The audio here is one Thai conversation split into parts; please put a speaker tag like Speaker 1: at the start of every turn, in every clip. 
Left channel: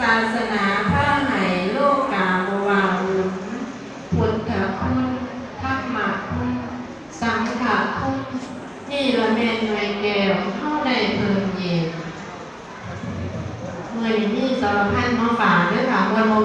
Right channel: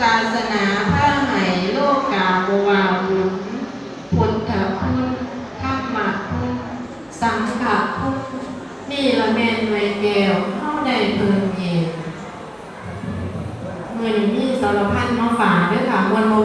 Speaker 1: ศาสนาพระไหโลกกาบวาวุนพุทธคุณธรรมคุณ สังฆคุณนี่ละแม่นไวยแก้วเข้าได้เพิ่มเย็นเมื่อนี้มีสารพันมาฝากด้วยค่ะมวลมวล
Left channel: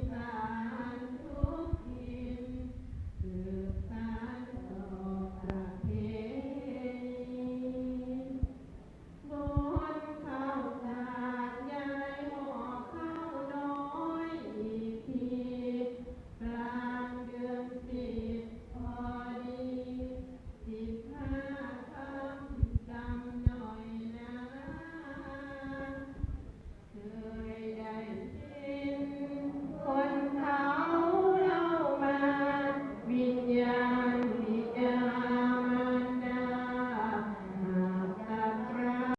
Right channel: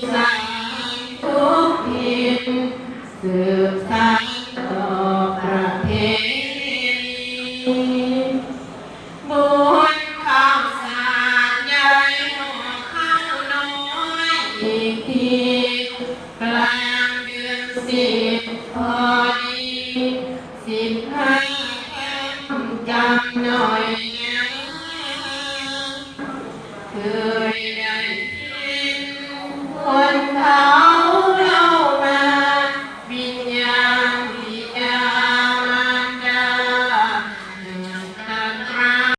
Speaker 1: าวอีสานทุกถิ่นสืบสานต่อประเพณีบุญข้าวสารยายห่อข้าวน้อยอีกทีกลางเดือนสิบพอดีสิบห้าคำจำหน่อยนะเคย